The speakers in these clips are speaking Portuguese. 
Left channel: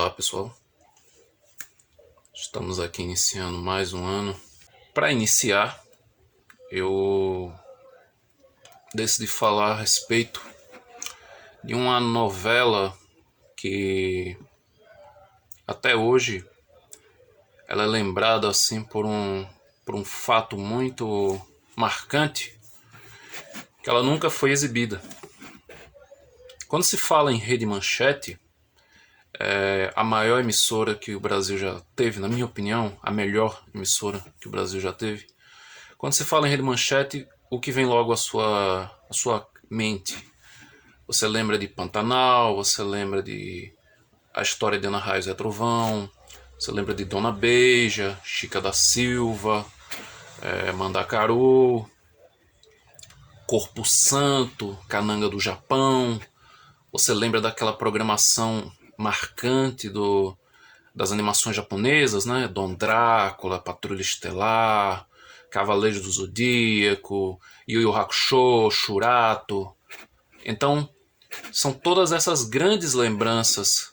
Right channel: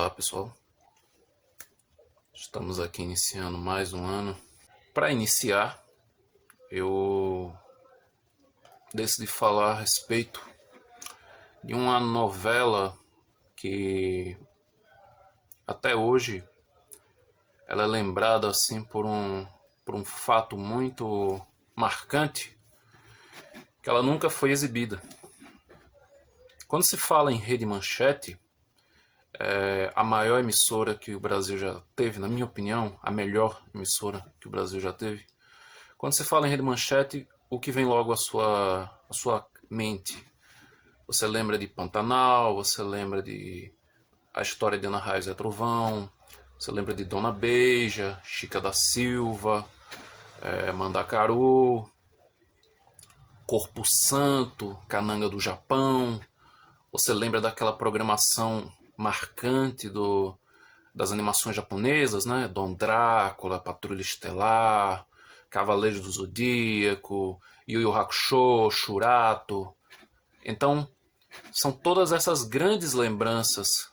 Olá pessoal, estamos aqui iniciando mais um ano. Para iniciar, eu decidi falar a respeito de uma novela que até hoje ela é lembrada assim por um fato muito marcante, que ela nunca foi exibida. Quando se fala em Rede Manchete, a maior emissora que o Brasil já teve, na minha opinião, a melhor emissora que o Brasil já teve. Quando se fala em Rede Manchete, o que vem logo à sua mente? Você lembra de Pantanal, você lembra de A História de Ana Raios e Trovão, você lembra de Dona Beija, Chica da Silva, Mandacaru, Corpo Santo, Cananga do Japão. Você lembra daquela programação marcante das animações japonesas, né? Dom Drácula, Patrulha Estelar, Cavaleiros do Zodíaco, Yu Yu Hakusho, Shurato. Então, são todas essas grandes lembranças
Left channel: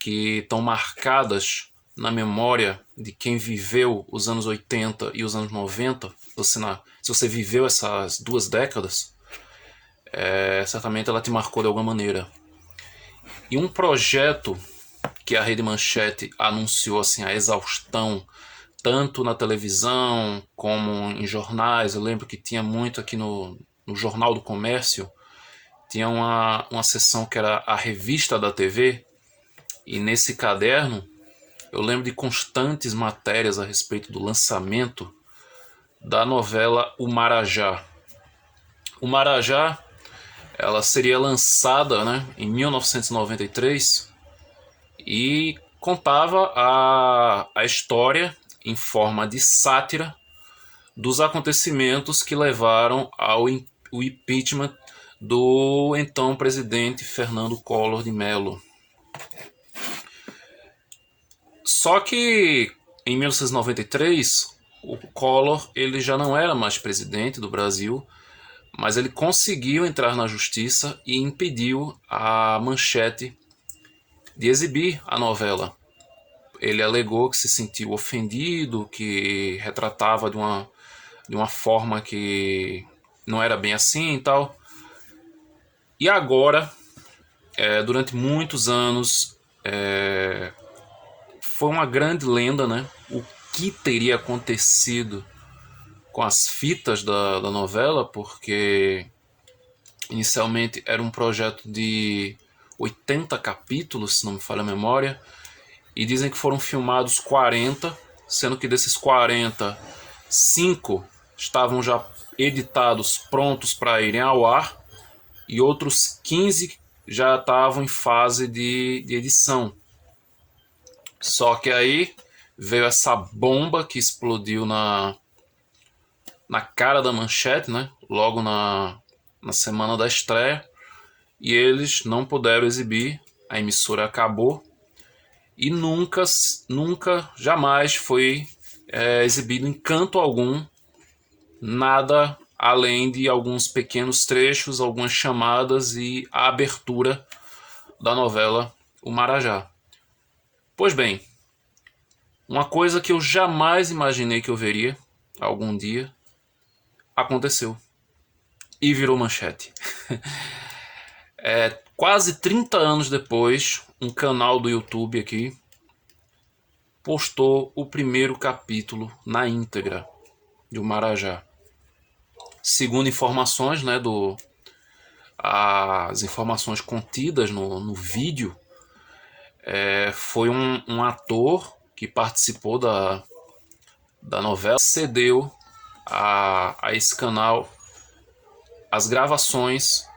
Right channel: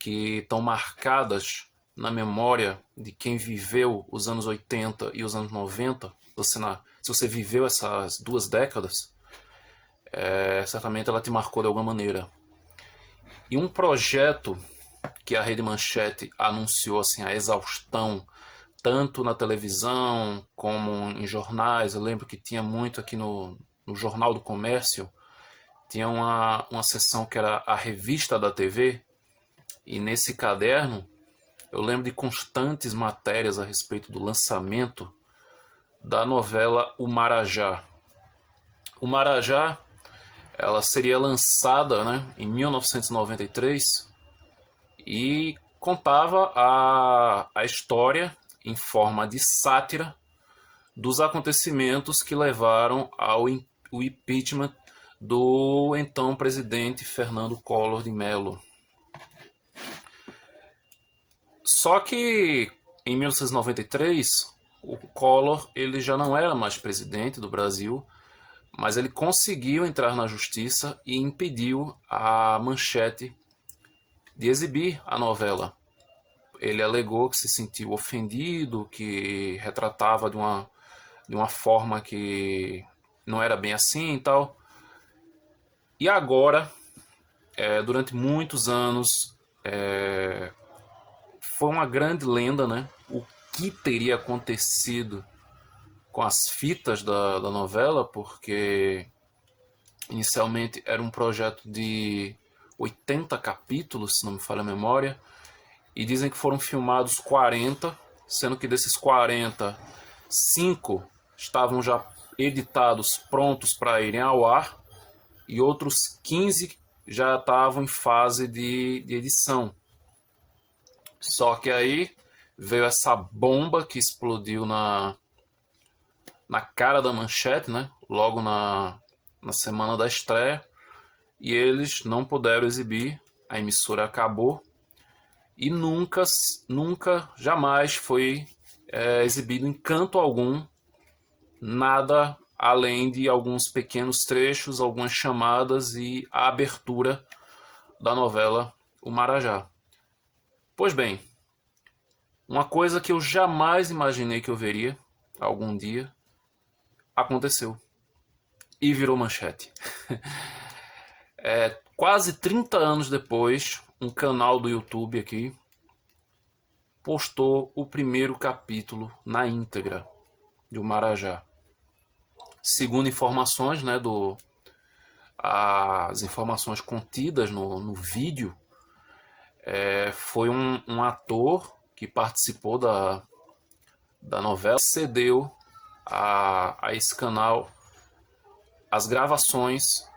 que estão marcadas na memória de quem viveu os anos 80 e os anos 90. Se você viveu essas duas décadas, certamente ela te marcou de alguma maneira. E um projeto que a Rede Manchete anunciou assim, a exaustão, tanto na televisão como em jornais. Eu lembro que tinha muito aqui no Jornal do Comércio, tinha uma seção que era a revista da TV, e nesse caderno eu lembro de constantes matérias a respeito do lançamento da novela O Marajá. O Marajá, ela seria lançada, né, em 1993 e contava a história em forma de sátira dos acontecimentos que levaram ao impeachment do então presidente Fernando Collor de Mello. Só que em 1993 o Collor ele já não era mais presidente do Brasil, mas ele conseguiu entrar na justiça e impediu a Manchete de exibir a novela. Ele alegou que se sentiu ofendido, que retratava de uma forma que não era bem assim e tal. E agora, durante muitos anos, foi uma grande lenda, né? O que teria acontecido com as fitas da novela, porque inicialmente era um projeto de 80 capítulos, se não me falha a memória, e dizem que foram filmados 40, sendo que desses 40, 5 estavam já editados, prontos para irem ao ar, e outros 15 já estavam em fase de edição. Só que aí veio essa bomba que explodiu na cara da Manchete, né? Logo na semana da estreia, e eles não puderam exibir, a emissora acabou e nunca, jamais foi exibido em canto algum, nada além de alguns pequenos trechos, algumas chamadas e a abertura da novela O Marajá. Pois bem, uma coisa que eu jamais imaginei que eu veria algum dia aconteceu e virou manchete. Quase 30 anos depois, um canal do YouTube aqui postou o primeiro capítulo na íntegra de O Marajá. Segundo informações, né, as informações contidas no vídeo, foi um ator que participou da novela, cedeu a esse canal as gravações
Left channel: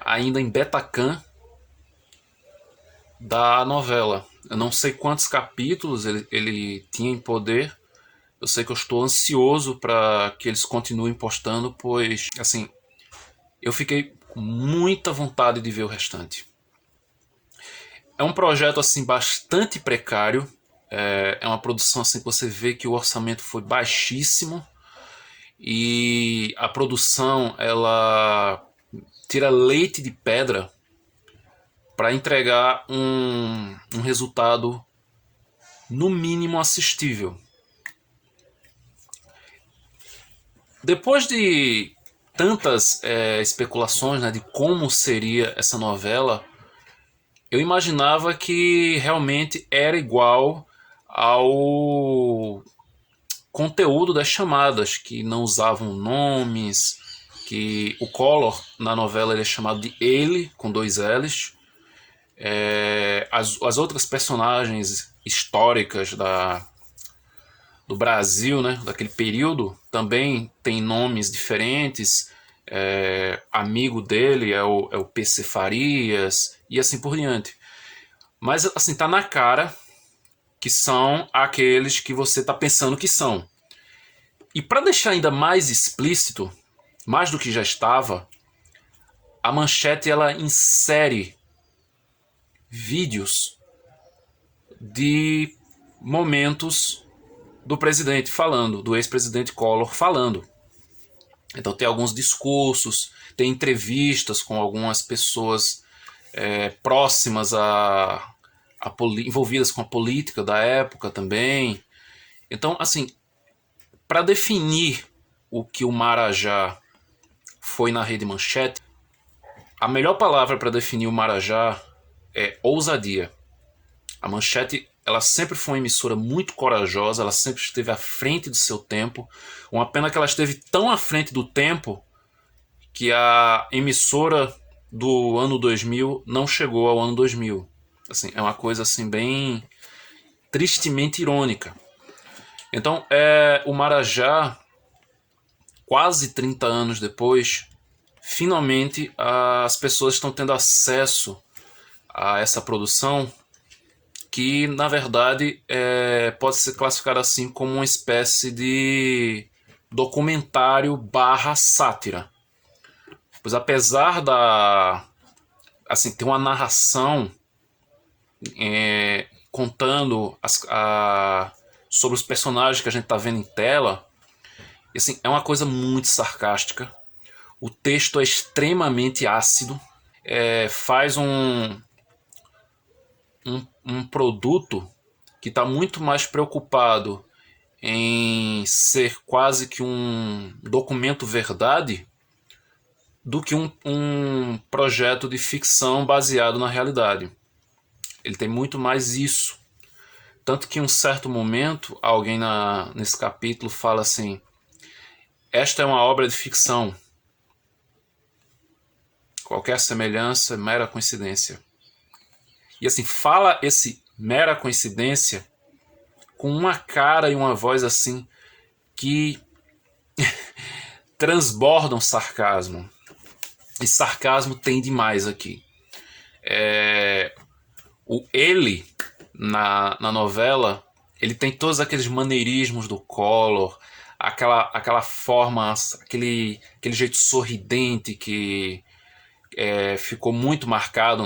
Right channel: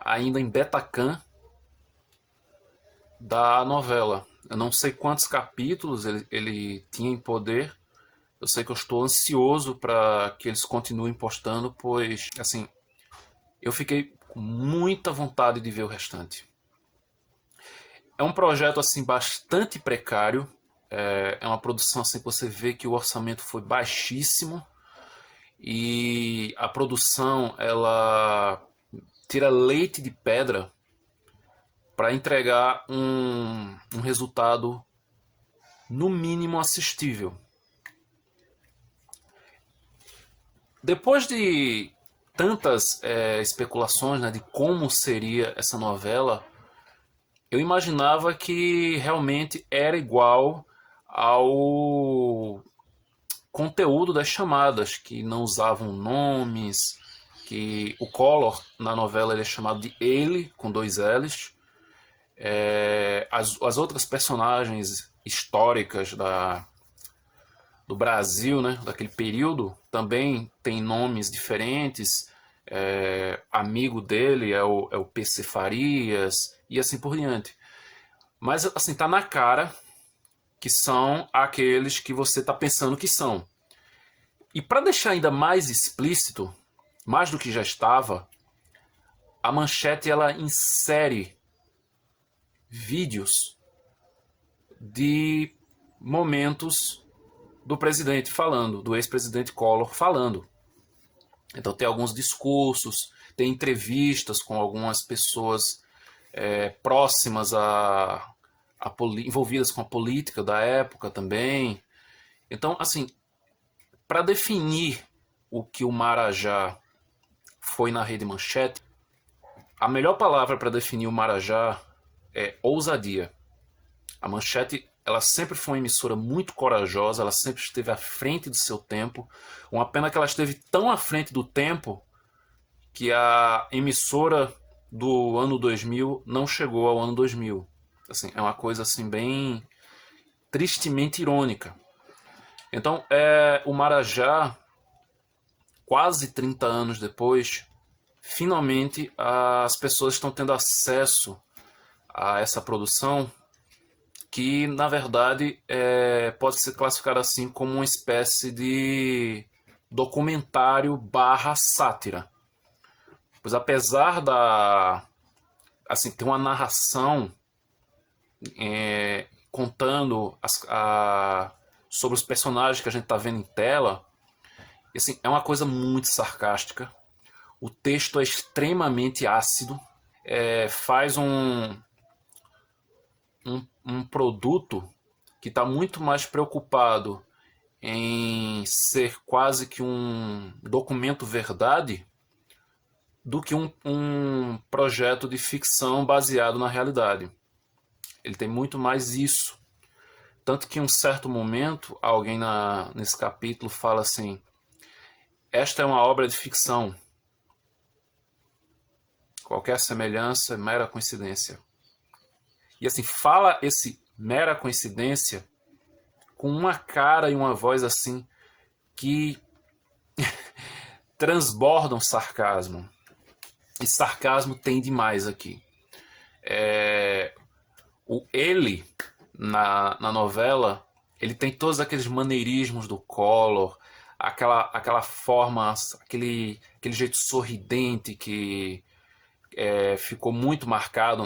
ainda em Betacam da novela. Eu não sei quantos capítulos ele tinha em poder. Eu sei que eu estou ansioso para que eles continuem postando, pois, assim, eu fiquei muita vontade de ver o restante. É um projeto, assim, bastante precário. É uma produção, assim, que você vê que o orçamento foi baixíssimo. E a produção, ela tira leite de pedra para entregar um resultado no mínimo assistível. Depois de tantas especulações, né, de como seria essa novela, eu imaginava que realmente era igual ao conteúdo das chamadas, que não usavam nomes, que o Collor na novela ele é chamado de ele, com 2 L's. As outras personagens históricas do Brasil, né, daquele período, também tem nomes diferentes. Amigo dele é o PC Farias e assim por diante. Mas assim, tá na cara que são aqueles que você tá pensando que são. E para deixar ainda mais explícito, mais do que já estava, a Manchete ela insere vídeos de momentos do presidente falando, do ex-presidente Collor falando. Então tem alguns discursos, tem entrevistas com algumas pessoas próximas envolvidas com a política da época também. Então, assim, para definir o que o Marajá foi na Rede Manchete, a melhor palavra para definir o Marajá é ousadia. A Manchete ela sempre foi uma emissora muito corajosa, ela sempre esteve à frente do seu tempo. Uma pena que ela esteve tão à frente do tempo que a emissora do ano 2000 não chegou ao ano 2000. Assim, é uma coisa assim bem tristemente irônica. Então, o Marajá, quase 30 anos depois, finalmente as pessoas estão tendo acesso a essa produção que, na verdade, pode ser classificada assim como uma espécie de documentário barra sátira. Pois apesar assim, ter uma narração contando sobre os personagens que a gente está vendo em tela, assim, é uma coisa muito sarcástica. O texto é extremamente ácido, faz um produto que está muito mais preocupado em ser quase que um documento verdade do que um projeto de ficção baseado na realidade. Ele tem muito mais isso. Tanto que em um certo momento, alguém nesse capítulo fala assim: esta é uma obra de ficção. Qualquer semelhança é mera coincidência. E assim, fala esse mera coincidência com uma cara e uma voz assim que transbordam sarcasmo. E sarcasmo tem demais aqui. O ele, na novela, ele tem todos aqueles maneirismos do Collor, aquela forma, aquele jeito sorridente que ficou muito marcado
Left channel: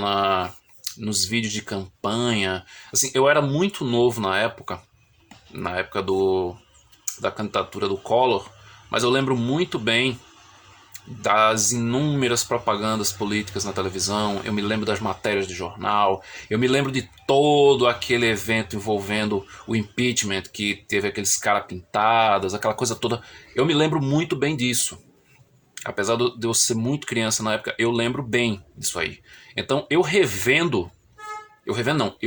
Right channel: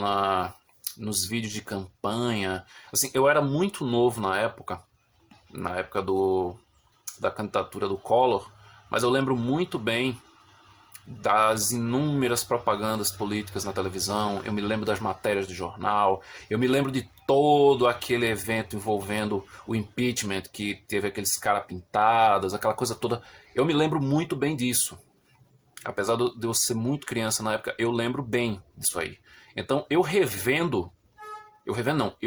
nos vídeos de campanha. Assim, eu era muito novo na época da candidatura do Collor, mas eu lembro muito bem das inúmeras propagandas políticas na televisão, eu me lembro das matérias de jornal, eu me lembro de todo aquele evento envolvendo o impeachment, que teve aqueles caras pintados, aquela coisa toda. Eu me lembro muito bem disso. Apesar de eu ser muito criança na época, eu lembro bem disso aí. Então, eu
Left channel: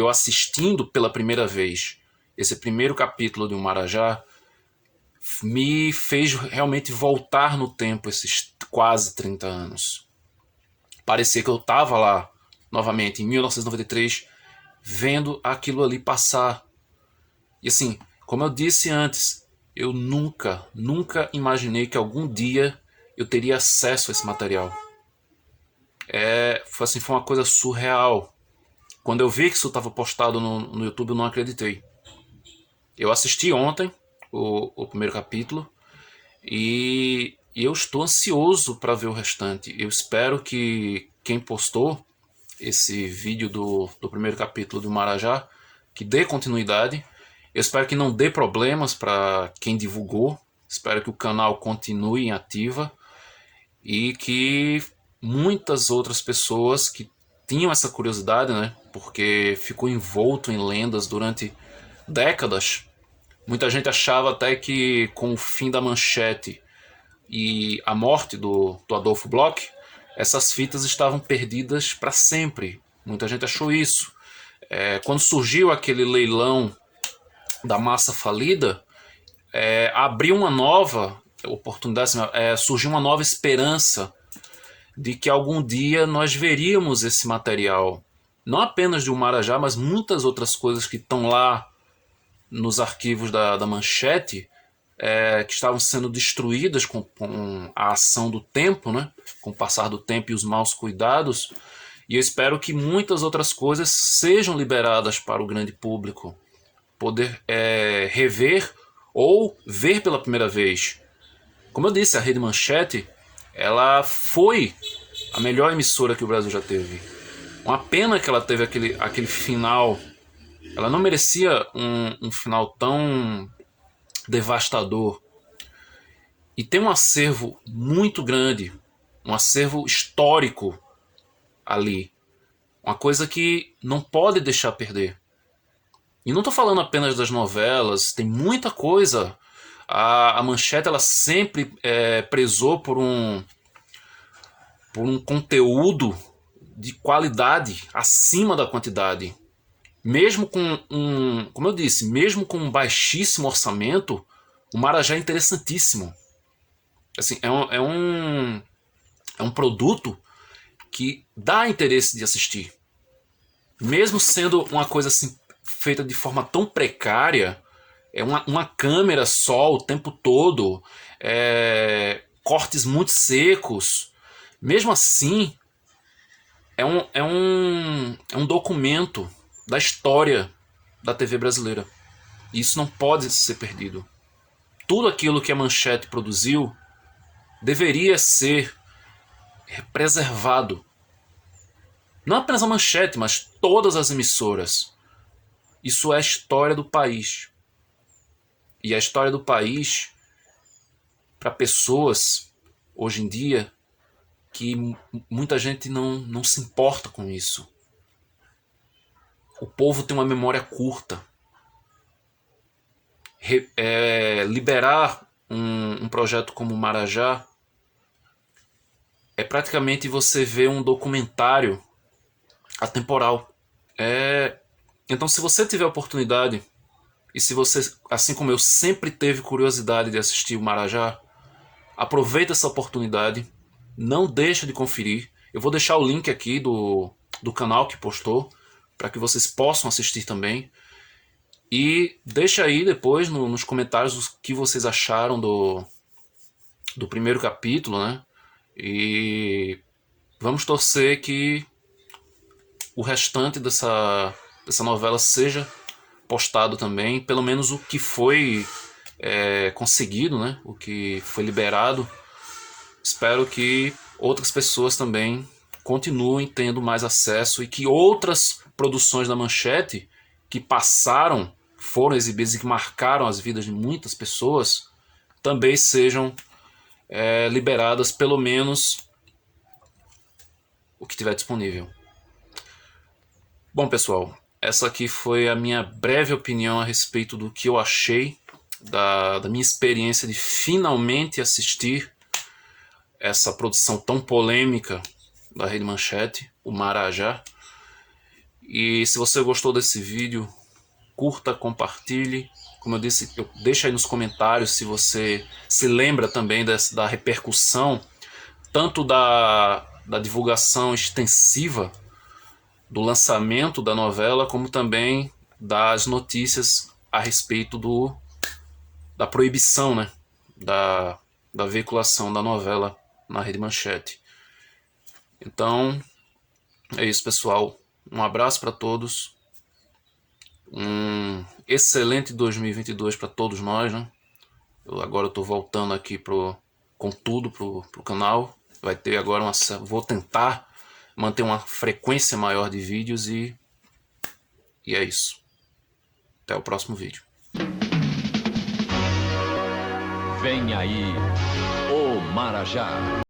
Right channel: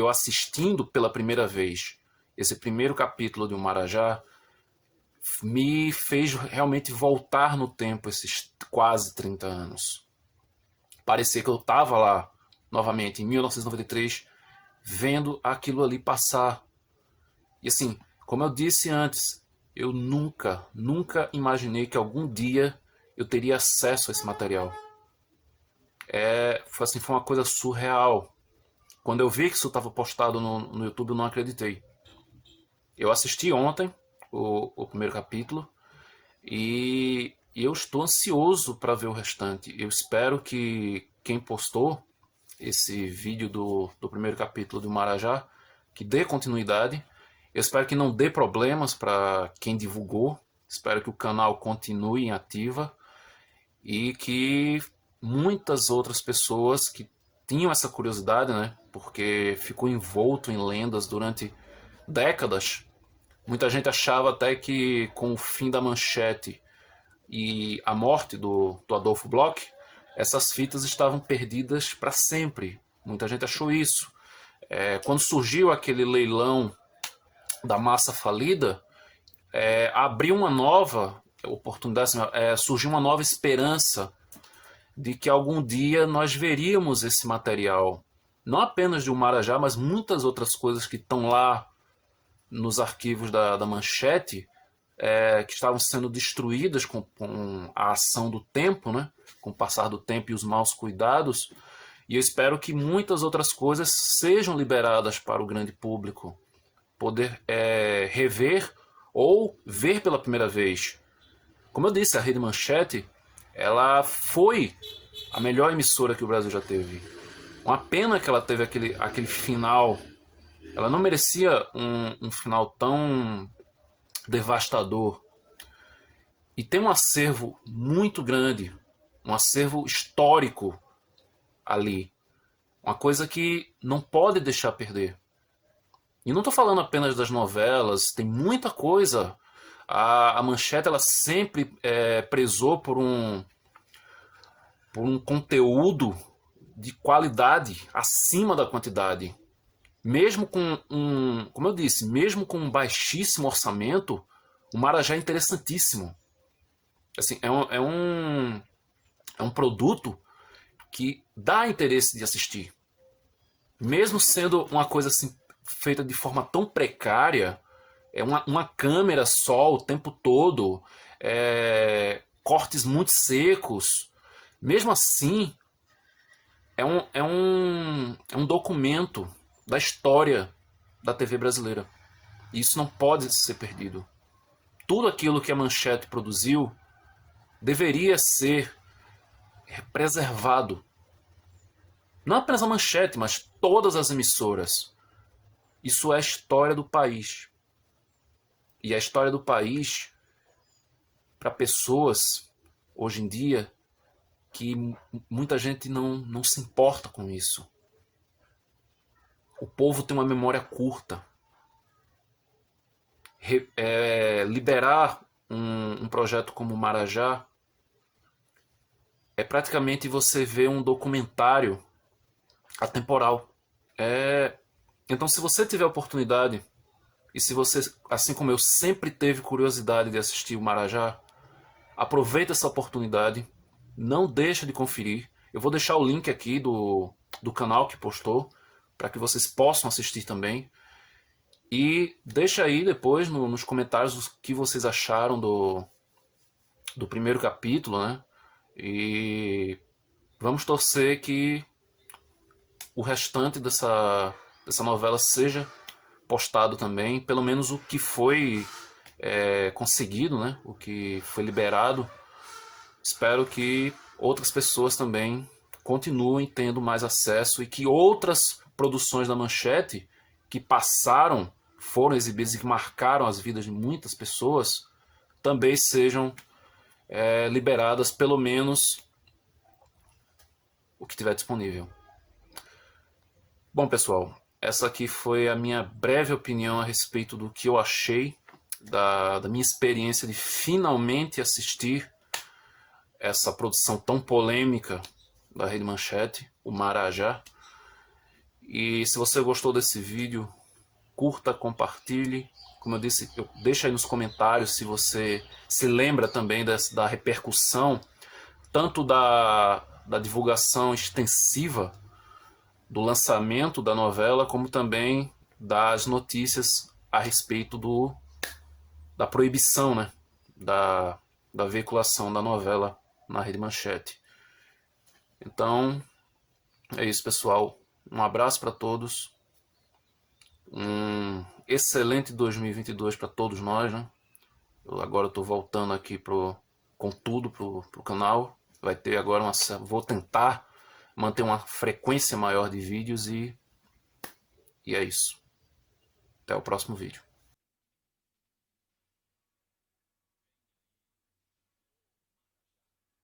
assistindo pela primeira vez esse primeiro capítulo de O Marajá, me fez realmente voltar no tempo esses quase 30 anos. Parecia que eu estava lá, novamente, em 1993, vendo aquilo ali passar. E assim, como eu disse antes, eu nunca imaginei que algum dia eu teria acesso a esse material. Foi uma coisa surreal. Quando eu vi que isso estava postado no YouTube, eu não acreditei. Eu assisti ontem o primeiro capítulo e eu estou ansioso para ver o restante. Eu espero que quem postou esse vídeo do primeiro capítulo do Marajá, que dê continuidade. Eu espero que não dê problemas para quem divulgou. Espero que o canal continue em ativa e que muitas outras pessoas que tinham essa curiosidade, né? Porque ficou envolto em lendas durante décadas. Muita gente achava até que com o fim da Manchete e a morte do Adolfo Bloch, essas fitas estavam perdidas para sempre. Muita gente achou isso. Quando surgiu aquele leilão da massa falida, abriu uma nova oportunidade, surgiu uma nova esperança de que algum dia nós veríamos esse material. Não apenas de um Marajá, mas muitas outras coisas que estão lá nos arquivos da Manchete, que estavam sendo destruídas com a ação do tempo, né? Com o passar do tempo e os maus cuidados. E eu espero que muitas outras coisas sejam liberadas para o grande público poder rever ou ver pela primeira vez. Como eu disse, a Rede Manchete, ela foi a melhor emissora que o Brasil já teve. Uma pena que ela teve aquele final. Ela não merecia um final tão devastador. E tem um acervo muito grande, um acervo histórico ali. Uma coisa que não pode deixar perder. E não estou falando apenas das novelas, tem muita coisa. A Manchete ela sempre prezou por um conteúdo de qualidade acima da quantidade. Mesmo com como eu disse, mesmo com um baixíssimo orçamento, o Marajá é interessantíssimo. Assim, é um produto que dá interesse de assistir. Mesmo sendo uma coisa assim, feita de forma tão precária, uma câmera só o tempo todo, cortes muito secos. Mesmo assim, é um documento da história da TV brasileira. E isso não pode ser perdido. Tudo aquilo que a Manchete produziu deveria ser preservado. Não apenas a Manchete, mas todas as emissoras. Isso é a história do país. E a história do país, para pessoas, hoje em dia, que muita gente não se importa com isso. O povo tem uma memória curta. Liberar um projeto como o Marajá é praticamente você ver um documentário atemporal. Então, se você tiver a oportunidade, e se você, assim como eu, sempre teve curiosidade de assistir o Marajá, aproveita essa oportunidade, não deixa de conferir. Eu vou deixar o link aqui do canal que postou, para que vocês possam assistir também. E deixa aí depois nos comentários o que vocês acharam do primeiro capítulo, né? E vamos torcer que o restante dessa novela seja postado também, pelo menos o que foi conseguido, né? O que foi liberado. Espero que outras pessoas também continuem tendo mais acesso e que outras produções da Manchete que passaram, foram exibidas e que marcaram as vidas de muitas pessoas também sejam liberadas, pelo menos o que tiver disponível. Bom, pessoal, essa aqui foi a minha breve opinião a respeito do que eu achei da minha experiência de finalmente assistir essa produção tão polêmica da Rede Manchete, o Marajá. E se você gostou desse vídeo, curta, compartilhe. Como eu disse, deixa aí nos comentários se você se lembra também da repercussão, tanto da divulgação extensiva do lançamento da novela, como também das notícias a respeito da proibição, né, da veiculação da novela na Rede Manchete. Então, é isso, pessoal. Um abraço para todos. Um excelente 2022 para todos nós, né? Agora eu estou voltando aqui com tudo pro canal. Vai ter agora vou tentar manter uma frequência maior de vídeos e é isso. Até o próximo vídeo. Vem aí o Marajá.